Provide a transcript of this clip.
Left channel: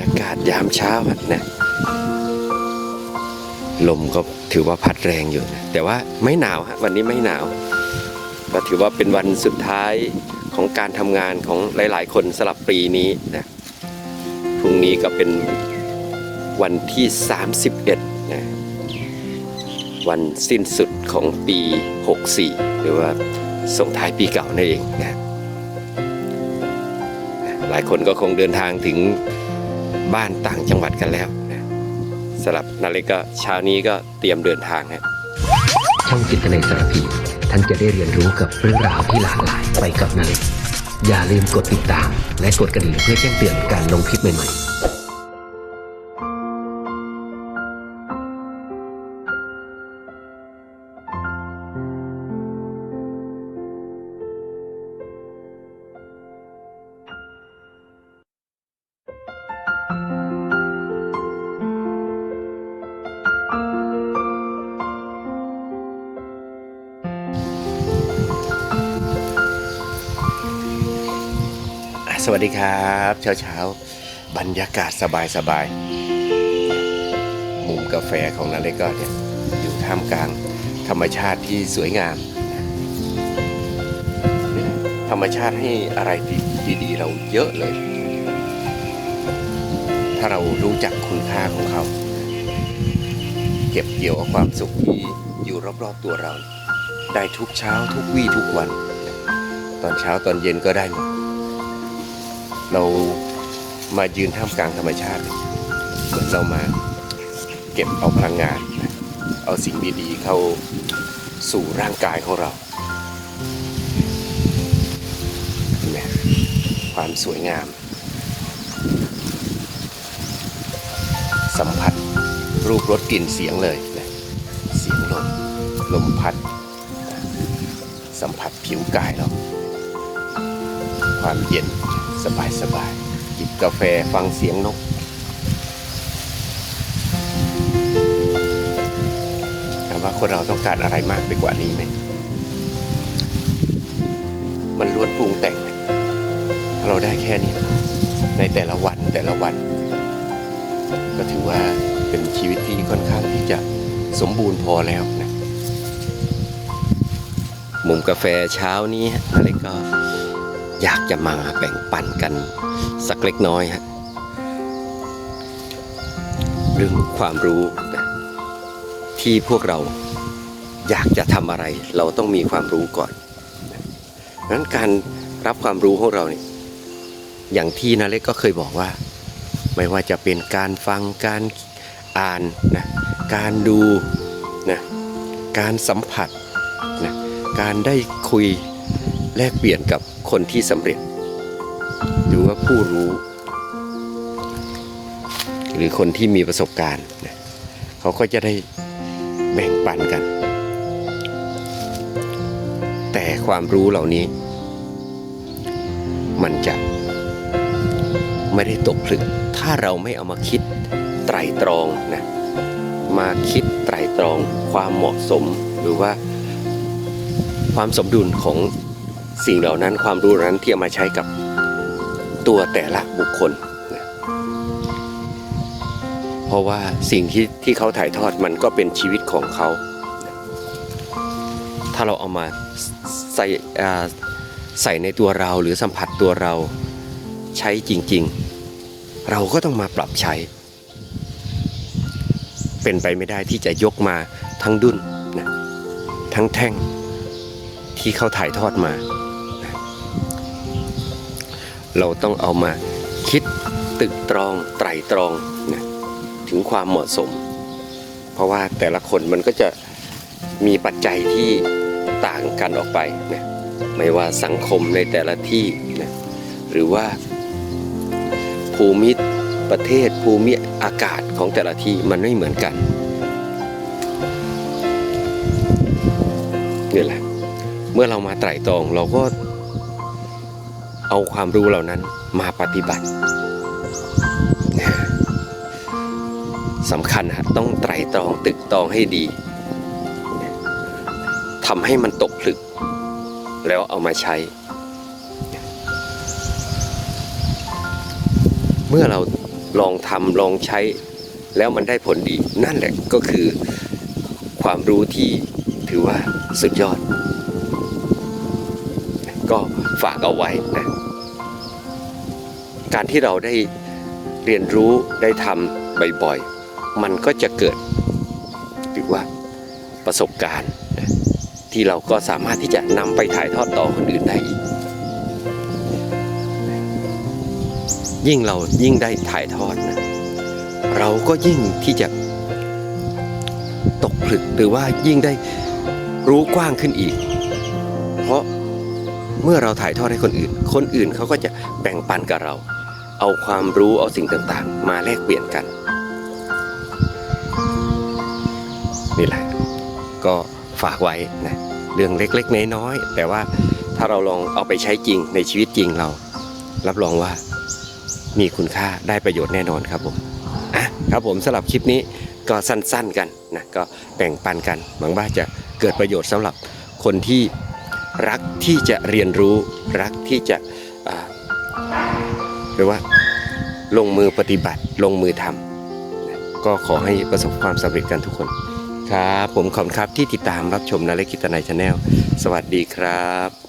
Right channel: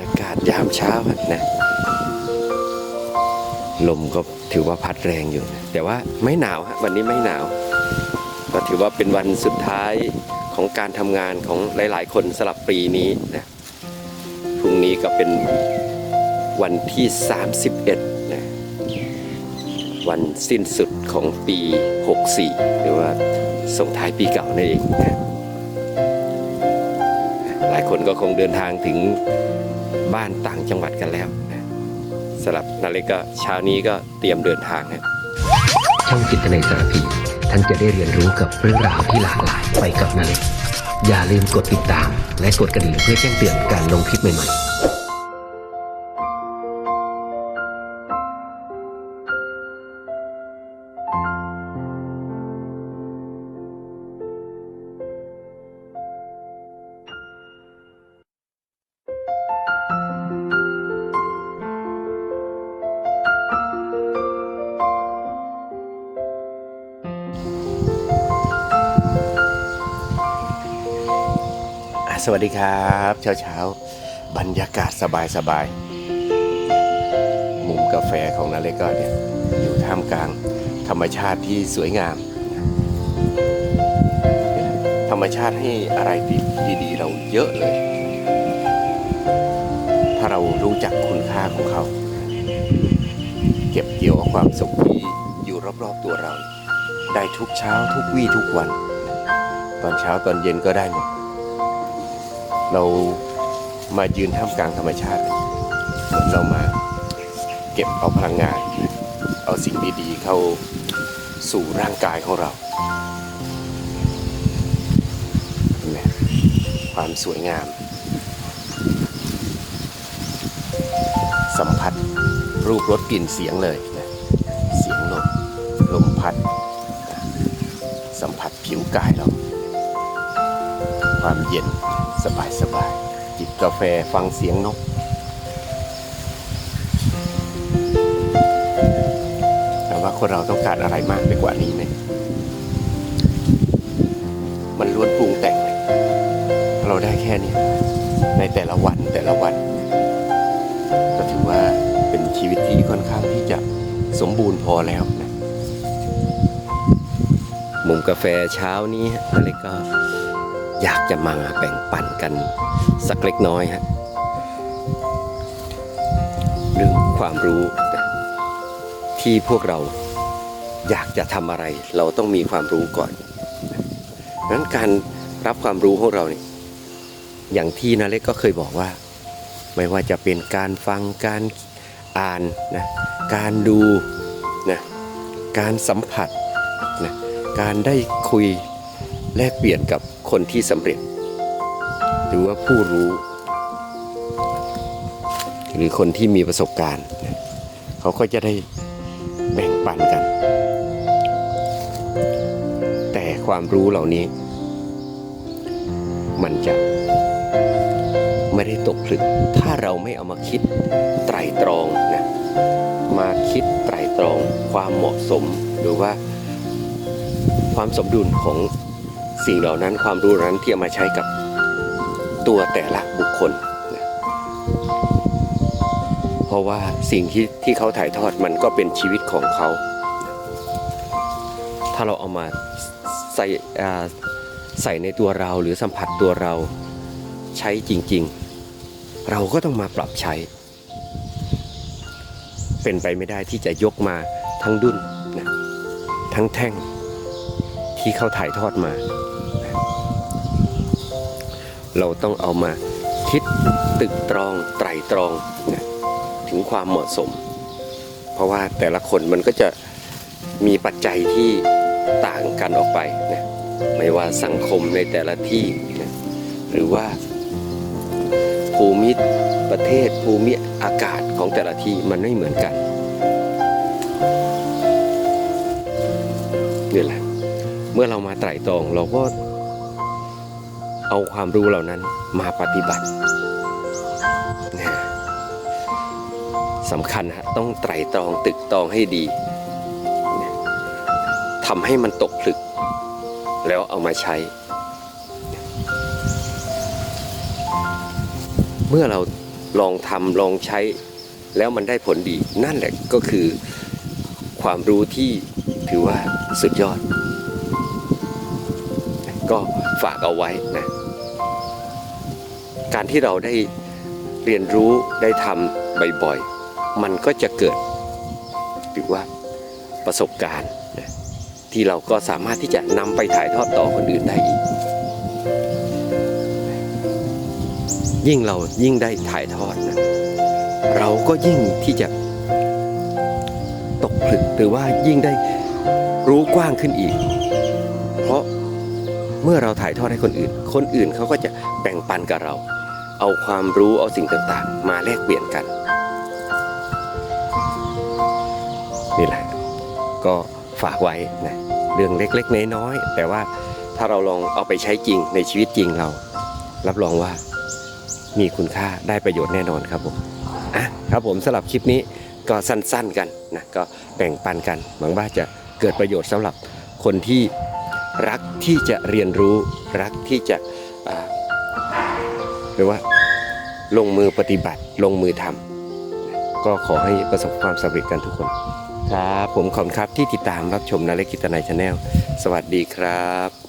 ยากาศยามเช้านะ ลมก็ถือว่าพัดแรงอยู่นะแต่ว่าไม่หนาวฮะวันนี้ไม่หนาว ก็ถือว่าเป็นวันสุดท้ายของการทำงานของหลาย ๆ คนสลับปีนี้นะพรุ่งนี้ก็เป็นวันที่ 31นะวันสิ้นสุดของปี 64 หรือว่าส่งท้ายปีเก่านั่นเองนะหลายคนก็คงเดินทางถึง บ้านต่างจังหวัดกันแล้วนะสำหรับนาเล็กก็เช้านี้ก็เตรียมเดินทางนะช่องจิตในสารพีท่านจะได้เรียนรู้กับเรื่องราวที่หลากหลายไปกับนาเล็กอย่าลืมกดติดตาม และกดกระดิ่งเพื่อแจ้งเตือนการลงคลิปใหม่ๆ สวัสดีครับเช้าเช้าบรรยากาศสบายสบายมุมกาแฟของนาเล็กก็เนี่ยอยู่ท่ามกลางธรรมชาติที่สวยงาม ธรรมชาติให้อะไรดีๆ เราเยอะเลย ถ้าเรารู้จักคุณค่าของเขา เก็บเกี่ยวความสุขที่อยู่รอบๆตัวเรา ได้ทุกเช้าทุกวี่ทุกวัน ตอนเช้าตอนเย็นก็ได้หมด เรามายืนท่ามกลางธรรมชาติ เหมือนเรามาเก็บเอาพลังงาน เอาสิ่งดีๆเข้าสู่ร่างกายของเราเห็นไหมความสวยงาม สัมผัสรูปรสกลิ่นเสียงเลยนะเสียงลมลมพัด สัมผัสผิวกายเรา ความเย็น สบายสบายๆจิบกาแฟฟังเสียงนกถามว่าคนเราต้องการอะไรมากไปกว่านี้ไหม มันล้วนปรุงแต่งเลยถ้าเราได้แค่นี้ในแต่ละวันแต่ละวัน ก็ถือว่าเป็นชีวิตที่ค่อนข้างที่จะสมบูรณ์พอแล้วนะ มุมกาแฟเช้านี้นาเล็กก็ อยากจะมาแบ่งปันกันสักเล็กน้อยฮะเรื่องความรู้ที่พวกเราอยากจะทำอะไร เราต้องมีความรู้ก่อนนั้นการรับความรู้ของเราเนี่ยอย่างที่นาเล็กก็เคยบอกว่า ไม่ว่าจะเป็นการฟังการอ่านนะการดูนะการสัมผัสนะการได้คุย แลกเปลี่ยนกับคนที่สำเร็จ หรือว่าผู้รู้ หรือคนที่มีประสบการณ์นะเขาก็จะได้แบ่งปันกัน แต่ความรู้เหล่านี้ มันจะไม่ได้ตกผลึก ถ้าเราไม่เอามาคิดไตรตรองนะมาคิดไตรตรองความเหมาะสมหรือว่าความสมดุลของ สิ่งเหล่านั้นความรู้นั้นที่เอามาใช้กับตัวแต่ละบุคคลนะเพราะว่าสิ่งที่ที่เขาถ่ายทอดมันก็เป็นชีวิตของเขา ถ้าเราเอามาใส่ใส่ในตัวเราหรือสัมผัสตัวเราใช้จริง ๆ เราก็ต้องมาปรับใช้ เป็นไปไม่ได้ที่จะยกมาทั้งดุนนะทั้งแท่งที่เขาถ่ายทอดมา เราต้องเอามาคิดตึกตรองไตรตรองนะถึงความเหมาะสม เพราะว่าแต่ละคนมันก็จะมีปัจจัยที่ต่างกันออกไปนะไม่ว่าสังคมในแต่ละที่นะหรือว่า ภูมิประเทศภูมิอากาศของแต่ละที่มันไม่เหมือนกันนี่แหละเมื่อเรามาไตร่ตรองเราก็ เอาความรู้เหล่านั้นมาปฏิบัติสำคัญฮะต้องไตรตรองตึกตรองให้ดีทำให้มันตกผลึก แล้วเอามาใช้ เมื่อเราลองทำลองใช้ แล้วมันได้ผลดี นั่นแหละก็คือความรู้ที่ถือว่าสุดยอด ก็ฝากเอาไว้นะ การที่เราได้เรียนรู้ได้ทำบ่อยๆ มันก็จะเกิดหรือว่าประสบการณ์ที่เราก็สามารถที่จะนำไปถ่ายทอดต่อคนอื่นได้อีก ยิ่งเรายิ่งได้ถ่ายทอดนะเราก็ยิ่งที่จะตกผลึกหรือว่ายิ่งได้รู้กว้างขึ้นอีก เพราะเมื่อเราถ่ายทอดให้คนอื่น คนอื่นเขาก็จะแบ่งปันกับเรา เอาความรู้เอาสิ่งต่างๆ มาแลกเปลี่ยนกัน นี่แหละ ก็ฝากไว้นะเรื่องเล็กๆน้อยๆแต่ว่าถ้าเราลองเอาไปใช้จริงในชีวิตจริงเรา รับรองว่ามีคุณค่าได้ประโยชน์แน่นอนครับผมอะครับผมสำหรับคลิปนี้ก็สั้นๆกันนะก็แบ่งปันกันหวังว่าจะเกิดประโยชน์สำหรับคนที่รักที่จะเรียนรู้รักที่จะ รือว่า ลงมือปฏิบัติลงมือทำก็ขอให้ประสบความสำเร็จกันทุกคน ครับ ผมขอบคุณครับที่ติดตามรับชมนาเล็กกิตนายชาแนลสวัสดีครับ